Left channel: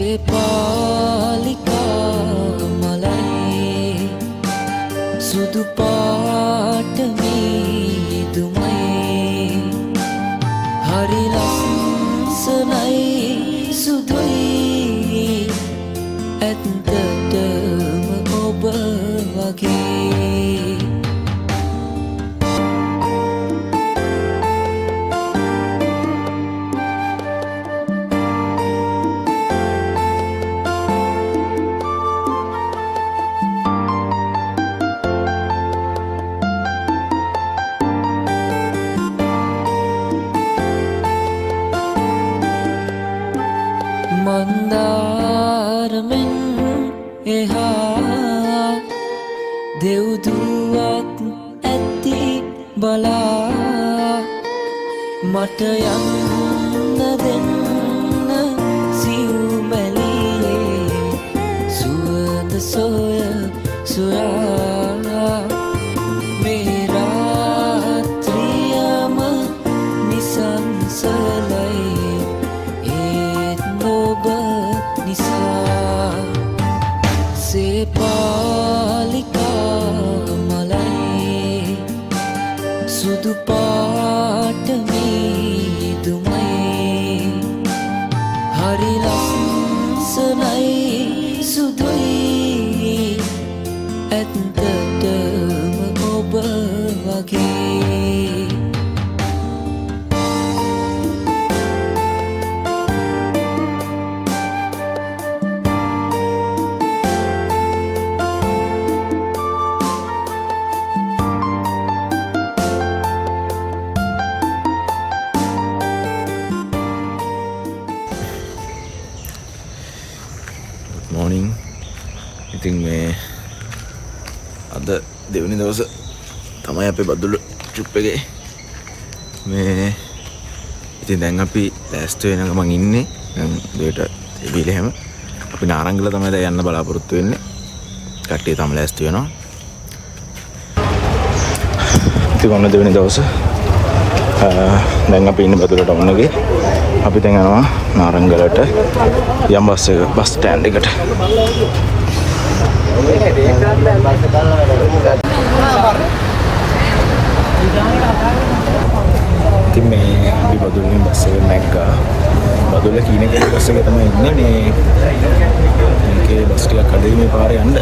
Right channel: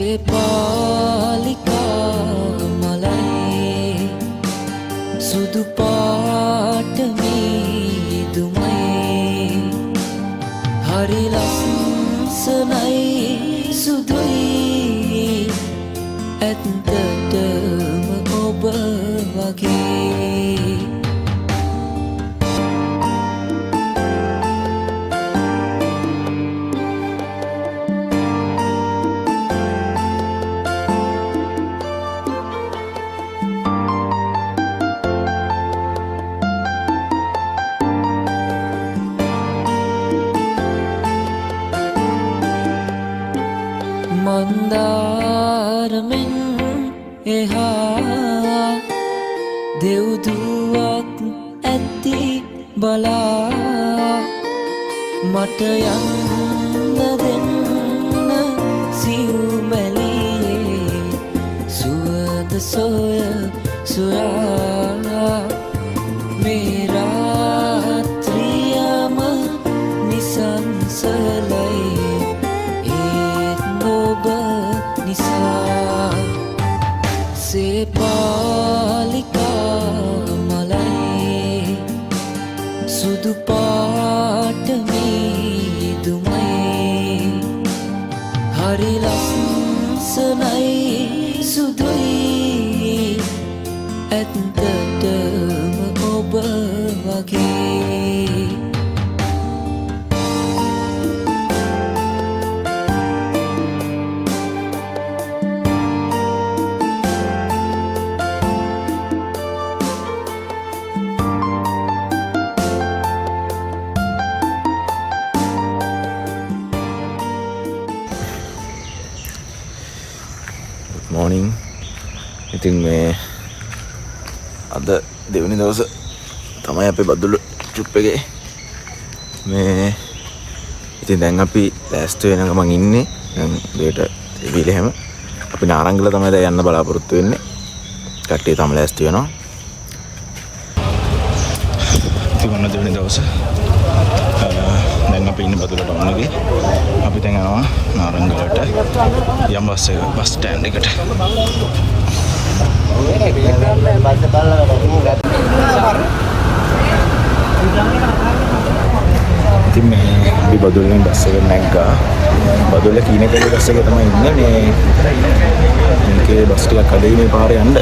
පාලිකා මලයි සුදු පාට මීදුමයි හරි ලස්සනයි සුදුයි ඇත්තටම ඔබ වගේ මන්දාරමෙන් එහා දෙව්දුවක් ඇති බලා මට යන්න දෙන්න සිව්මැලියේ සුවඳ සොය සොයා මේ රාත්‍රියම නිසංසලයි පාලිකා මලයි සුදු පාට මීදුමයි හරි ලස්සනයි සුදුයි ඇත්තටම ඔබ වගේ morning. ඉතින් මේ අද දෙවෙනි දවස තමයි අපේ බදුල්ල ට්‍රිප් එකේ මේ ඉතින් දැන් අපි ලෑස්ති වෙන ගමන් ඉන්නේ දැන් දෙයට ඉවිල හැම අපි නාරංගල තමයි දැන් යන්න බලාපොරොත්තු වෙන්නේ කට්ටිය තමයි ලෑස්ති වෙනවා ඉතින් ඔන්න දෙවෙනි දවස දැන් අපි ඉන්නේ බදුල්ල ටවුන් එකේ අපි දැන් යනවා නාරංගලට යම් බස් ස්ටෑන්ඩ් එකට ඉතින් මේ අපි බදුල්ලෙන් බස් එක නැග්ගා බදුල්ල කීනකේ බස් එකේ තමයි ඉන්නේ මේකේ බස් ටිකක් අඩුයි මේ පාරේ යන්න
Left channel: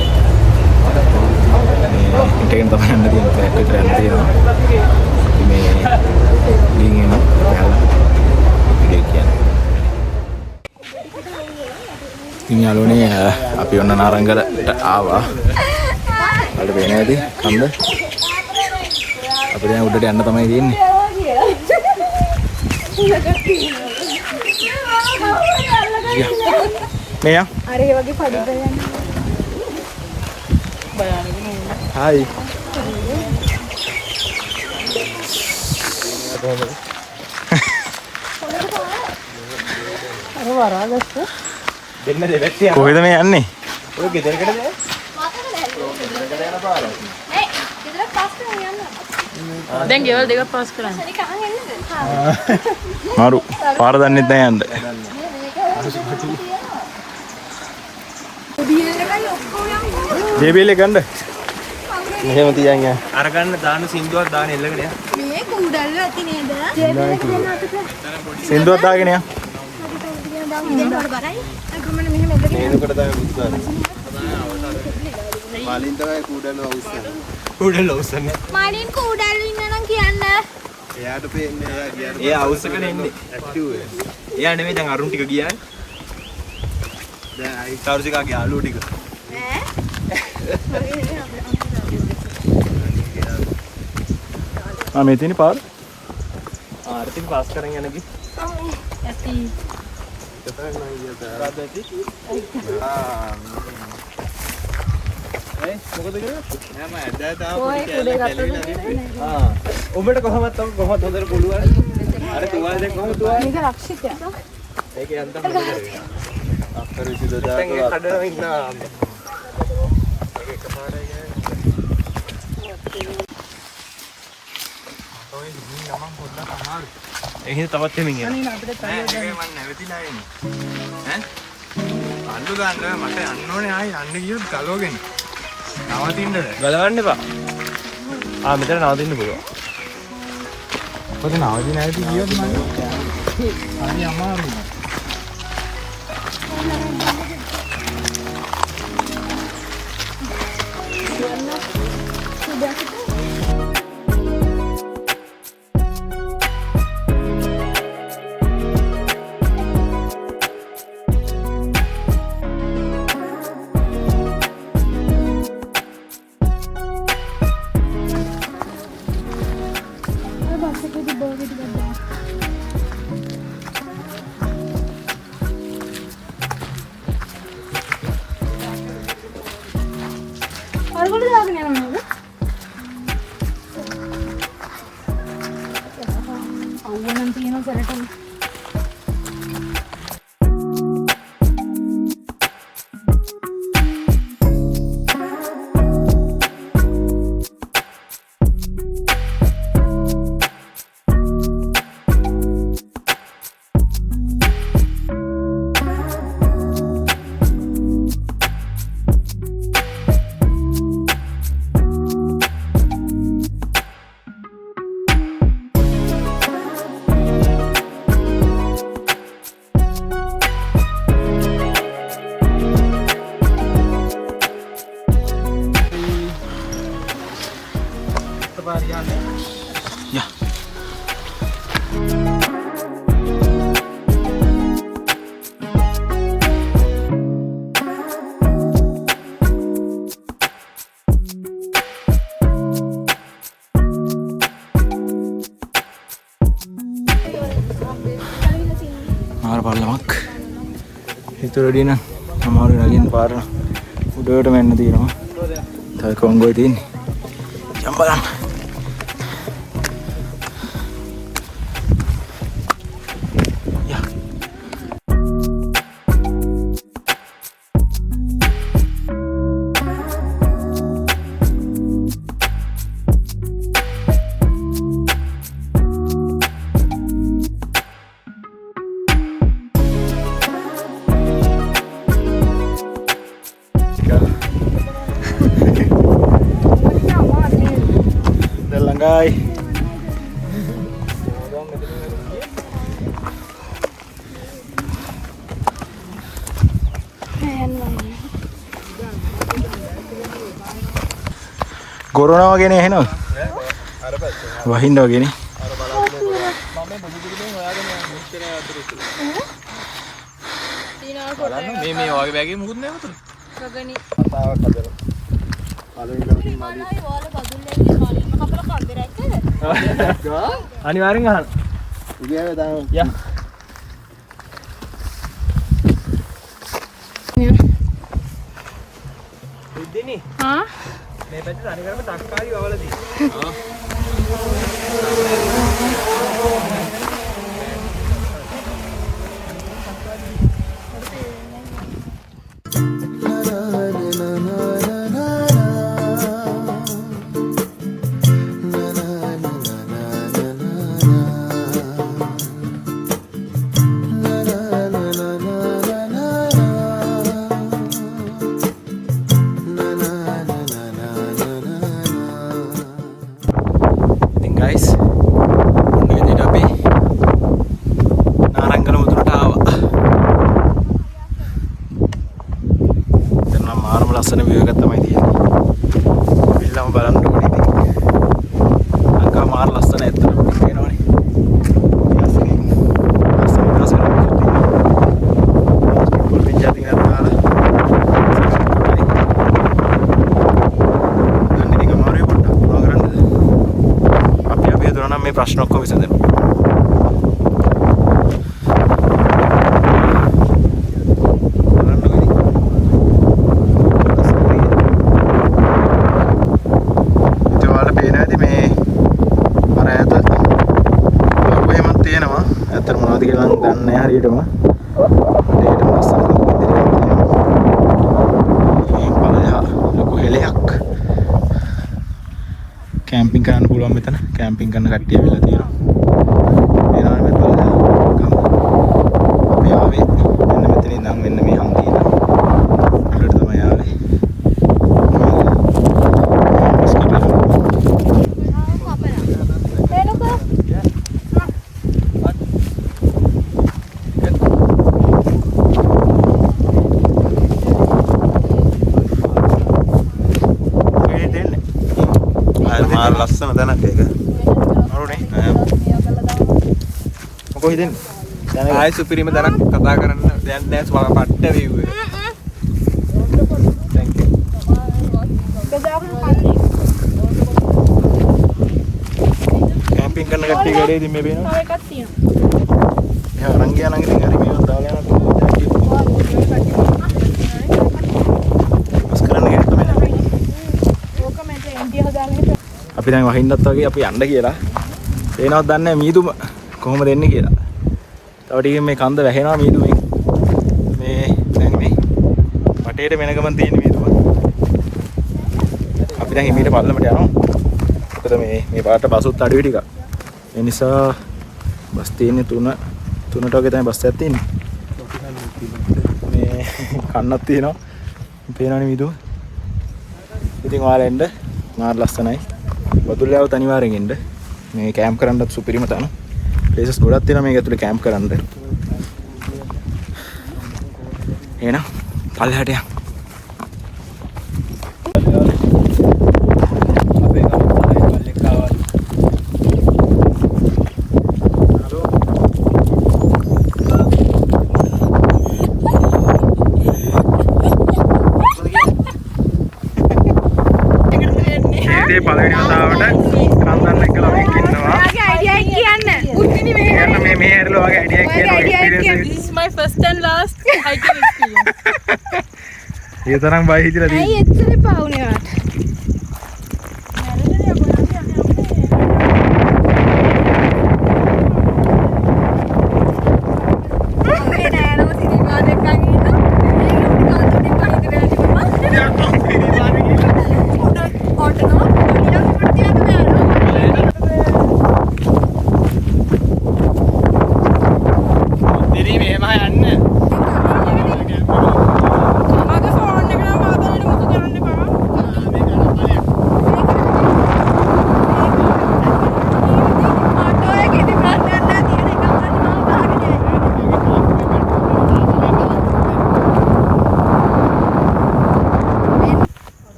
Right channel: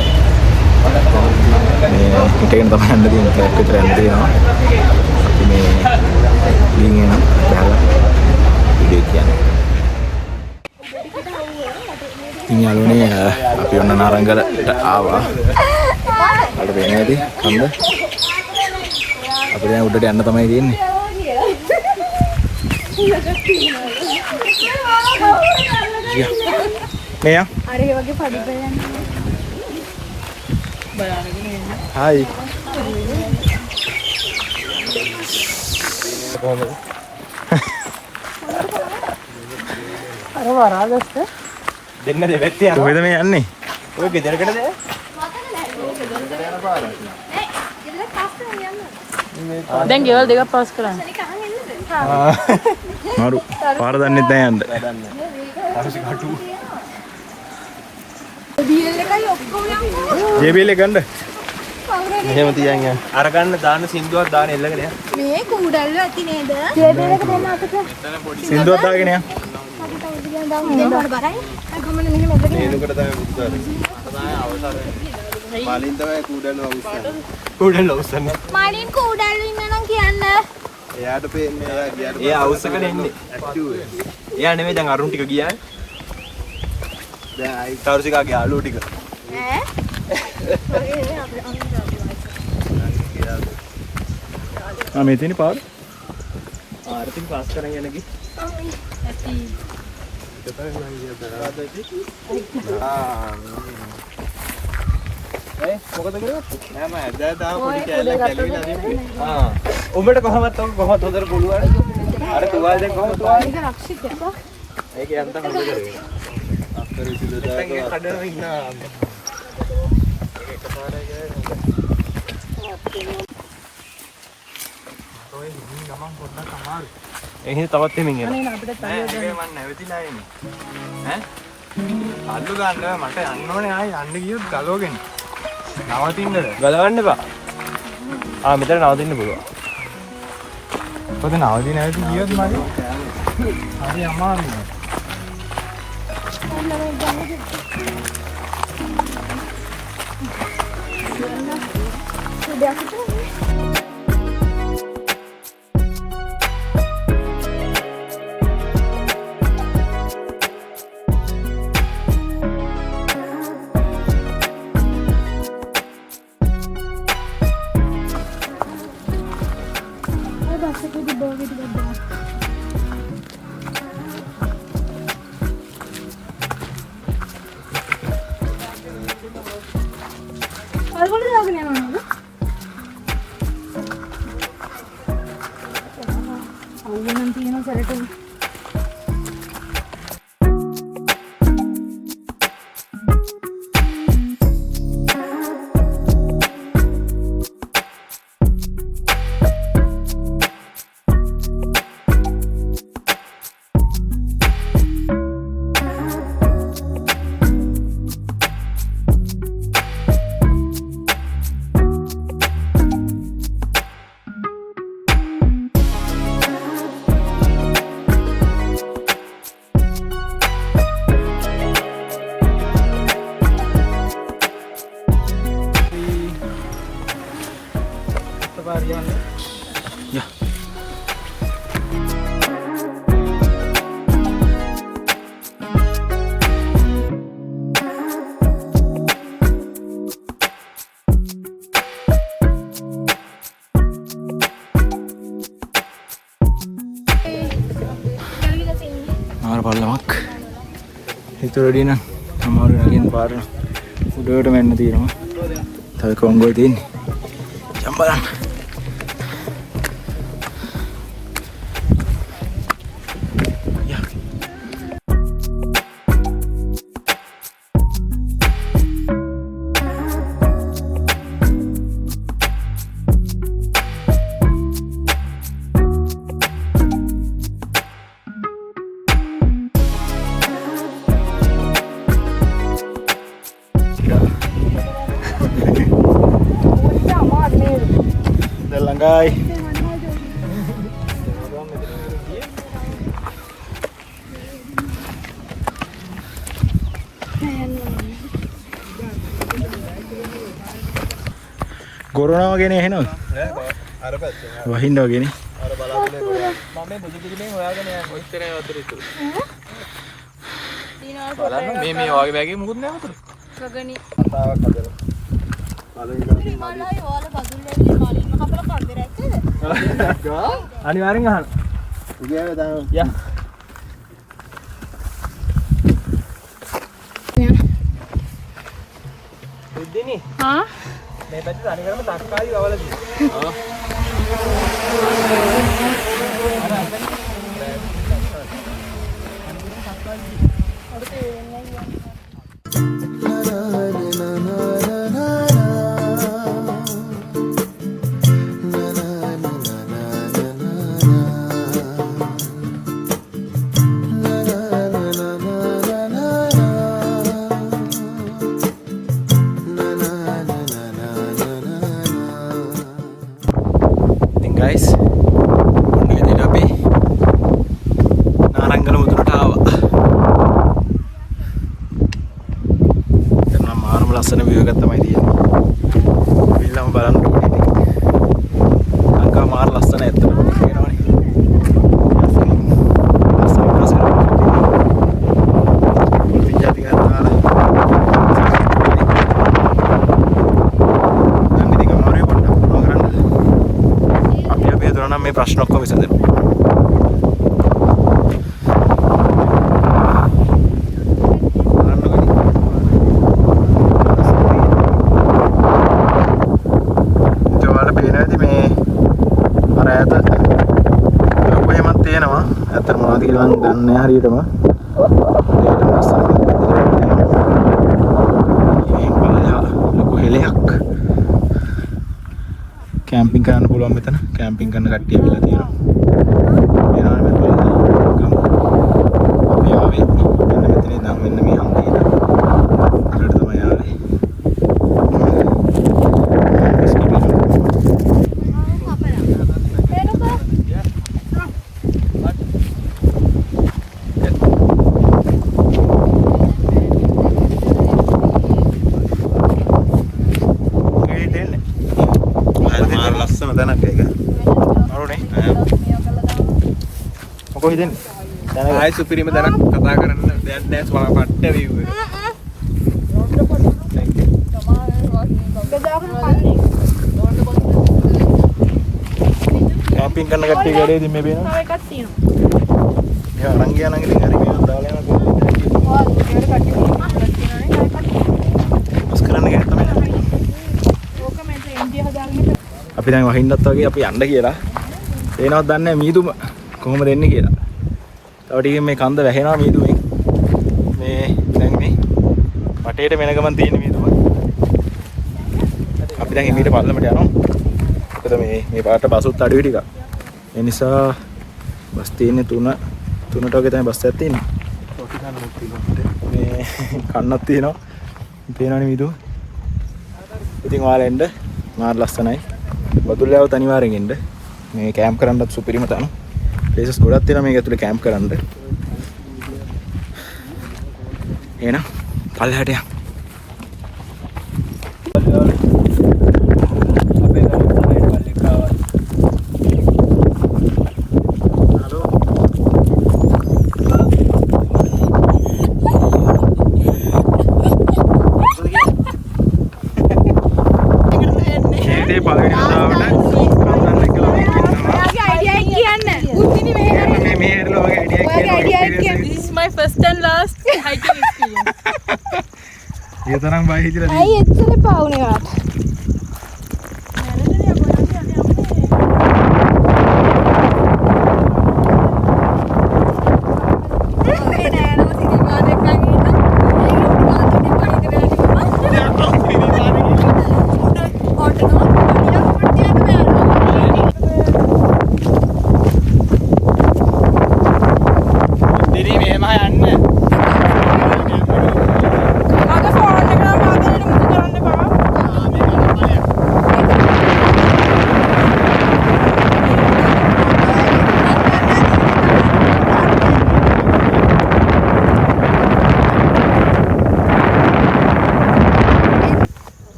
මේ හිටගෙන තමයි යන්න තියෙන්නේ පැයක් විතර යන්න තියෙනවා අපි මේ ගිහින් එනවා බැලලා වීඩියෝ කියන්නේ ඉතින් යාළුවනේ අපි ඔන්න නාරංගලට ආවා. වලට පේන්නේ නැති කන්ද. අපිට දැන් උඩට යන්න තමයි තියෙන්නේ. මෙයා. අර ඒ වගේ පඩි බලන්න. බලන්න නේද? හායි. කොහෙද මේ යන්නේ? ඔය ගෙදරකටද? ගෙදරකට යන පාර. දැන් ගෙවල් දෙකක් පාස් කරන්න. මාරු පාර දන්නෙත් නැහැ යන්න. ජේබීල් එක ගන්න. මෙහෙම තියන් යන්න. අර ගන්න දාන සින්දුවක් දාන එල්ලගෙන යන්න. මේ කුඩල්ල ඇති නේද? ජේබීල් එක කොහොම අතට? සින්දුවක් දාගෙන යන්න. ඒකට තමයි බුදුකාරය. මාලින් තමයි කුඩල්ල අවුස්සන්නේ. කුඩල්ල අවුස්සන්නේ. මාලින් කුඩල්ල ඉන්නනම් කියන්න. එයාට පේන්නේ එයා ගියාට. එයා අවුස්සකට එන්නේ. ඇක්ටිව් වෙන. එයා නෙමෙයි දැන් අරුන් ටික ගියා. දැන් අයි සාරුසිකාගේ යාළුවෝ ටික. මේ තියෙන පාර. ආරතින් පාස් කරන් යන ගි. ඇති. මොකද කරන්නේ? නෑ මම ඇදලා තාම ඔය කුඩේ ගත්තද? උඹට කොහොමද උදර පුළුවන්? අර තුවාලෙන් කොහොමද තුවාලෙ? මේක රක්ෂිතයක්. ඒක යන්න හොඳ කරේ. අක්කර විසිල දාලා කඩන ඉන්න. ඒක එකපාරයි ගෑනේ. ඔය ගිහින් ගමන් පොඩ්ඩක් අමාරුයි. එහෙනම් තවත් එමින් යනවා. අනේ අපිට තනියම මම නැවතිලා එන්නේ. ඈ අල්ලු ගන්න මට යන්න ඕනේ ආයි යන්න ගියොත් ගලවගෙන. නවතින්නද? ගලවන්න එපා. මෙතන නවතින්න පුළුවන්. පොඩි නවතින නැති ගියොත් මම හරි අමාරුයි. පල්ලමක් හිතුරඩි නම් අමාරු නගින් පාර උඩට මෙන්න තියෙනවා. තව කොංගොයි තියෙන්නේ. යම් බලන්න. Langgai. Corona වගේ නේ එහෙනම්. අර පැත්තේ. වහින්න වගේ නේ. අර බලාගෙන මම මේ බුදු පිළිමෙන් හොයාගෙන යන්නේ මෙච්චර වතුර ඉතුරු. ඊනා කොට මේ වගේ බෑගේ මුකුත් නැහැ වතුර. නගනි. කතාවක් හදලා. මලයි වල බදුල්ලේ මාලින්ම කපලා කන්දේ රැක්කේද? අනිවාර්යෙන් අහන්න. උගෑවේ දාන්න. යා. ඉද්දිනේ. හා? මේ පැත්තේ අනිකරම තක්කාලි වවලා තියෙනවා. ලස්සන view එකක් තමයි තියෙන්නේ. පිළම බලන්න ඕනේ ඉතින්. අංකා මාර ලස්සන ඇත්තටම පේනවනේ. ලස්සන. පොල්ටින් ජැටි එකක් දාලා. දැන් ඉතින් අමාරුයි පොඩ්ඩක් මොනවා කරන්නද? අපි හදුනා නම් මේ ප්‍රශ්න ඔක්කොම විසඳෙනවා. කියලා මම දන්නේ නැහැ හරියටම. ඒකටම ලස්සන ලොකු හෙලයක්. කැම්පින් කරන්න පුළුවන් මෙතන. කැම්පින් කරන කට්ටිය වෙලා තියෙනවා. එනවා මෙතන බලන්න. අපි ආවේ. මෙන්න මෙතන ඉඳන් මෙන්න මේ හම් තියෙනවා. ලස්සන තැනක් ඒක. අරුනේ. මොකෝ හිතෙන්නේ? ආයි සුපිරිම තැනක් කතා කරන්න දැන් දැස් වල පට්ට වේව් එක. බෙදාගෙන කන්නේ. කැම්පින් කරන කට්ටිය ගඩේ ඉතින් මේ පේනවා. තව එකක් තියෙනවා. මෙයා අරන් ගියා නම් ඉතින් හරි මේවත් දාලා යනවා. මස් කරන්න කෙනෙක් තමයි නැත්තේ. ඕක මම එන්ඩිය හදාගෙන අපි දැන් වහින්නත් වගේ අපි යන්න කියලා. එනවත් දන්නේ නැහැ මීදුම කොහොමද එන්නේ කියලා. තව ටිකකින් මේ කන්ද වැහෙනවා මීදුමෙන්. මේ දැන් මේ වටේට වෙන ගමන් තියෙන මීදුම. අපි දැන් එමීට පල්ලමට යනවා. ඒතර මේ පාට බසුත් අඩුයි ටිකක්. ඒ නිසා බස් තියෙන්නේ 3ට වගේ තමයි බස් එකක් තියෙන්නේ. මේ කන්නක් තියෙනවා. පේනවනේ මීදුම. ඉතින් ඔයාලා එන්න මාර ලස්සනයි. බතුල්ලාව අනිවාර්යෙන් එන්න. මේ කැම්ප් කරන්නත් සුපිරිම තැන. ප්ලේසස් ගොඩක් තියෙනවා මේක ඇතුලේ කැම්ප් කරන්න. එහෙනම් පල්ලෙහාට යන්න. ये तरह बाई हिजरा दी ඇයි එච්චර පාවුනේ වාට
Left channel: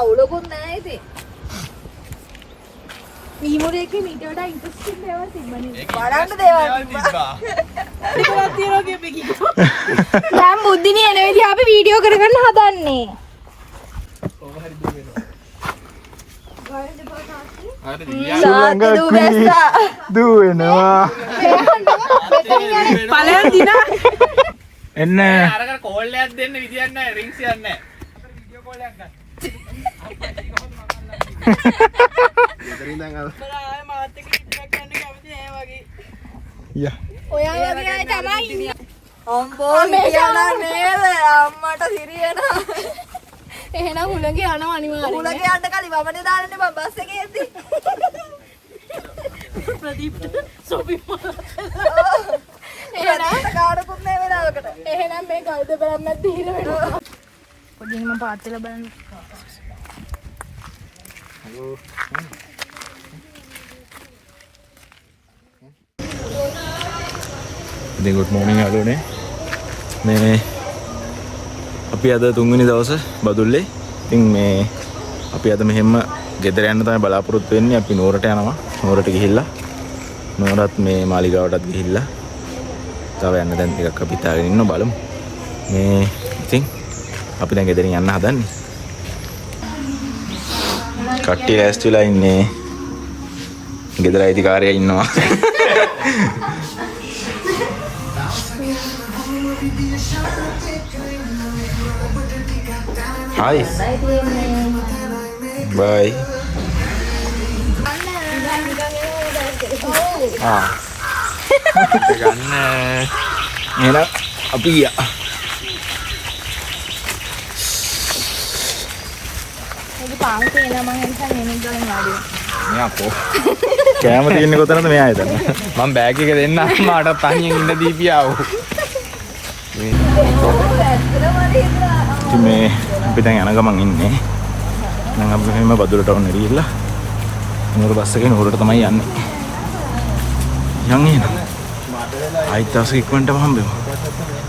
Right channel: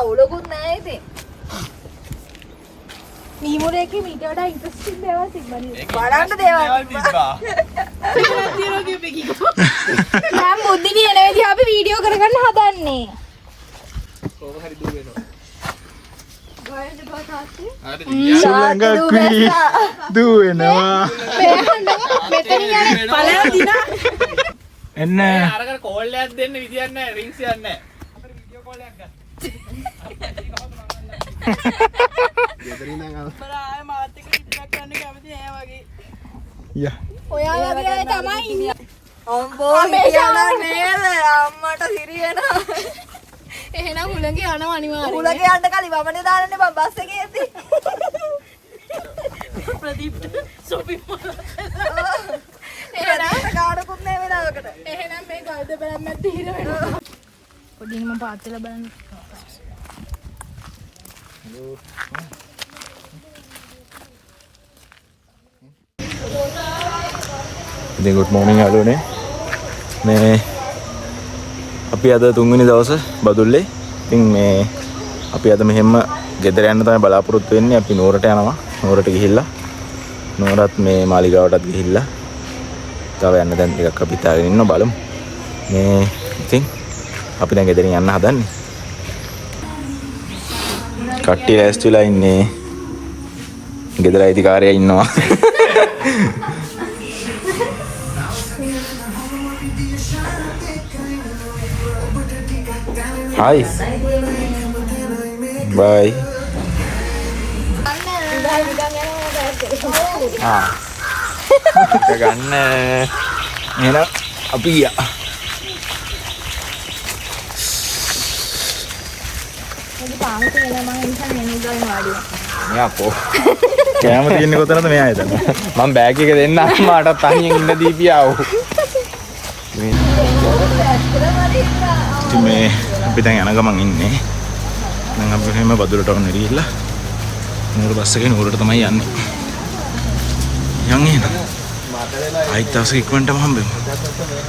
අවුලකුත් නැහැ ඉතින්. නීමුරේකේ මීට වඩා ඉන්ට්‍රස්ටිං දේවල් තිබ්බනේ. බලන්න දේවල් තිබ්බා. ඒකවත් තියනවා කියපේ කිව්වා. දැන් බුද්ධිනි එන විදිහ අපි වීඩියෝ කරගන්න හදන්නේ. ඕක හරි දුවනවා. සුලංගා කුයි දුවනවා. පළයන් දිනා. එන්න. අරකට කෝල් එකක් දෙන්න විදියක් නැහැ රින්ග්ස් එකක් නැහැ. වීඩියෝ කෝල් එකක් ගන්න. යා. ඔයා වගේ අය තමයි. අම්බෝ කියනවා නේද අම්මට සිරියනවා. එහෙනම් හුලඟේ යනවා අනිවාර්යෙන්. හුලඟේ යන්න කලින් වමනේ දාන්නනේ මම බස් එකේ යද්දි. ප්‍රදීප්ට සොපි මොනවා. එහෙනම් ගාඩකුත් නෑ වෙලාවකට. එහෙනම් මේ කවුද බලන්නත් හිර වෙනවා. ඔදින් මම පාත්තල බලන්න. ඉතින් good morning යාළුවනේ. මේ අපි අද තුන්වෙනි දවසේ බදුල්ලේ. ඉතින් මේ අපි අද මෙහෙම ගෙදර යන්න තමයි බලාපොරොත්තු වෙන්නේ. අපි නුවරට යනවා. නුවරට ගිහිල්ලා නුවරත් මේ මාලිගාවටත් ගිහිල්ලා තව යන්න දැන් ටිකක් අපි හිතාගෙන ඉන්නවා බලමු. මේ ඉතින් අපි දැන් ගෙදරින් යන්න හදන්නේ. කට්ටිය ලෑස්ති වෙලා ඉන්නේ. ගෙදර අයිතිකාරයා ඉන්නවා. Hi. Bye. Ah. Gන්න. එහෙනම් අපි ගියා. කෑම තියෙන්නේ කොතනද මෙයා හිතන්නේ. මම බෑග් එක දෙන්න අම්මාට තනියෙන් ඉන්න දීපියාව. ඉතින් මේ අපි දැන් යන ගමන් ඉන්නේ. දැන් අපි මෙහෙම බදුලට වුණ ගිහිල්ලා නුවර බස් එකේ නුවරට තමයි යන්නේ. යන් එහෙනම්. ආයිත් දවසක ඉක්මනටම හම්බෙමු.